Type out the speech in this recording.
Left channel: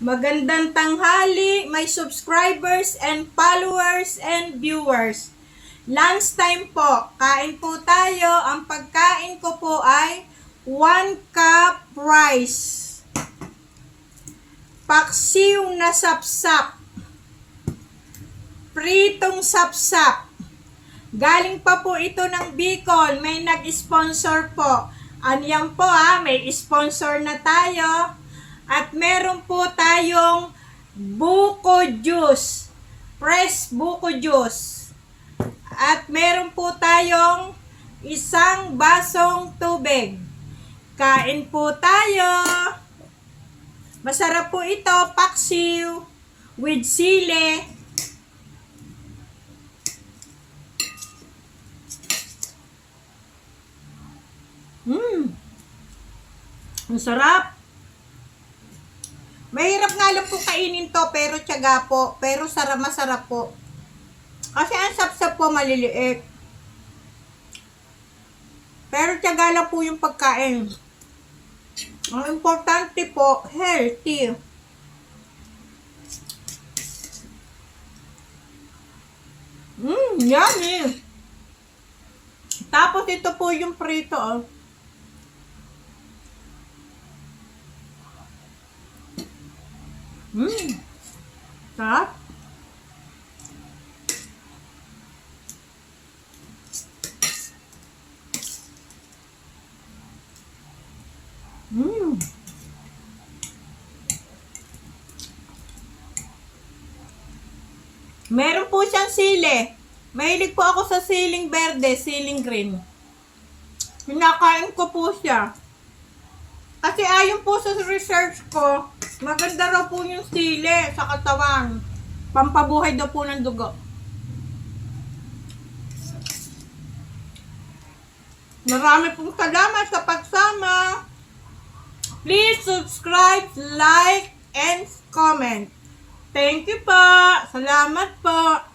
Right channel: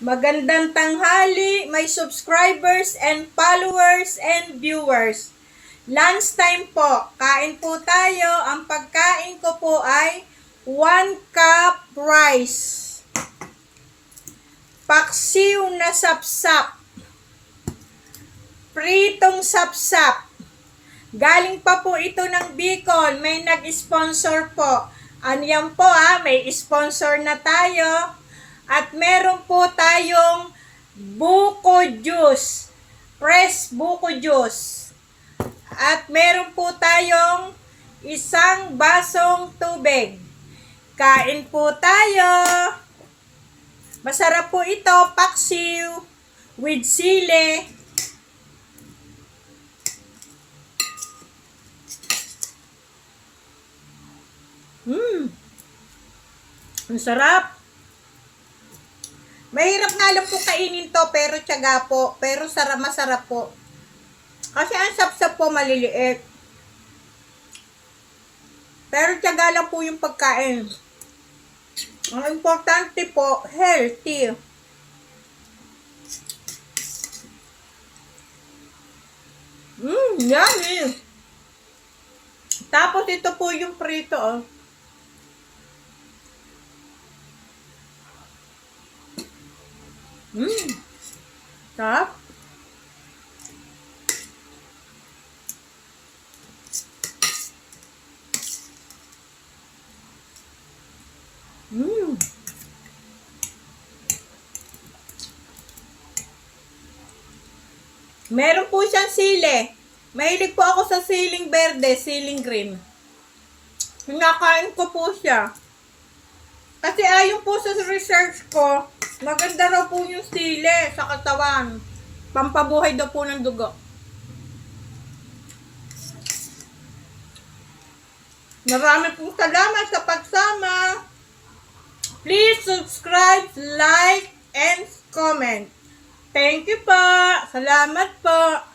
Magandang tanghali, my subscribers and followers and viewers. Lunch time po. Kain po tayo. Ang pagkain ko po ay 1 cup rice. Paksiw na sapsap. Pritong sapsap. Galing pa po ito ng Bicol. May nag-sponsor po. Ano yan po may sponsor na tayo. At meron po tayong buko juice. Fresh buko juice. At meron po tayong isang basong tubig. Kain po tayo. Masarap po ito, paksiw with sili. Ang sarap. Mahirap nga lang po kainin to, pero tiyaga po. Pero masarap po. Kasi ang sapsap po maliliit. Pero tiyaga lang po yung pagkain. Ang importante po, healthy. Yummy. Tapos ito po yung prito, Sarap. Meron po siyang sili. Mahilig po ako sa siling berde, siling green. Kinakain ko po siya. Kasi ayon po sa research ko, maganda raw po yung sili sa katawan. Pampabuhay daw po ng dugo. Marami pong salamat sa pagsama. Please subscribe, like, and comment. Thank you po. Salamat po.